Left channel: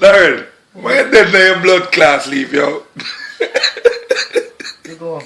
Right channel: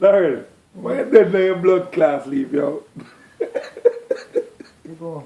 Learn. Why did your blood class leave, yo? You go.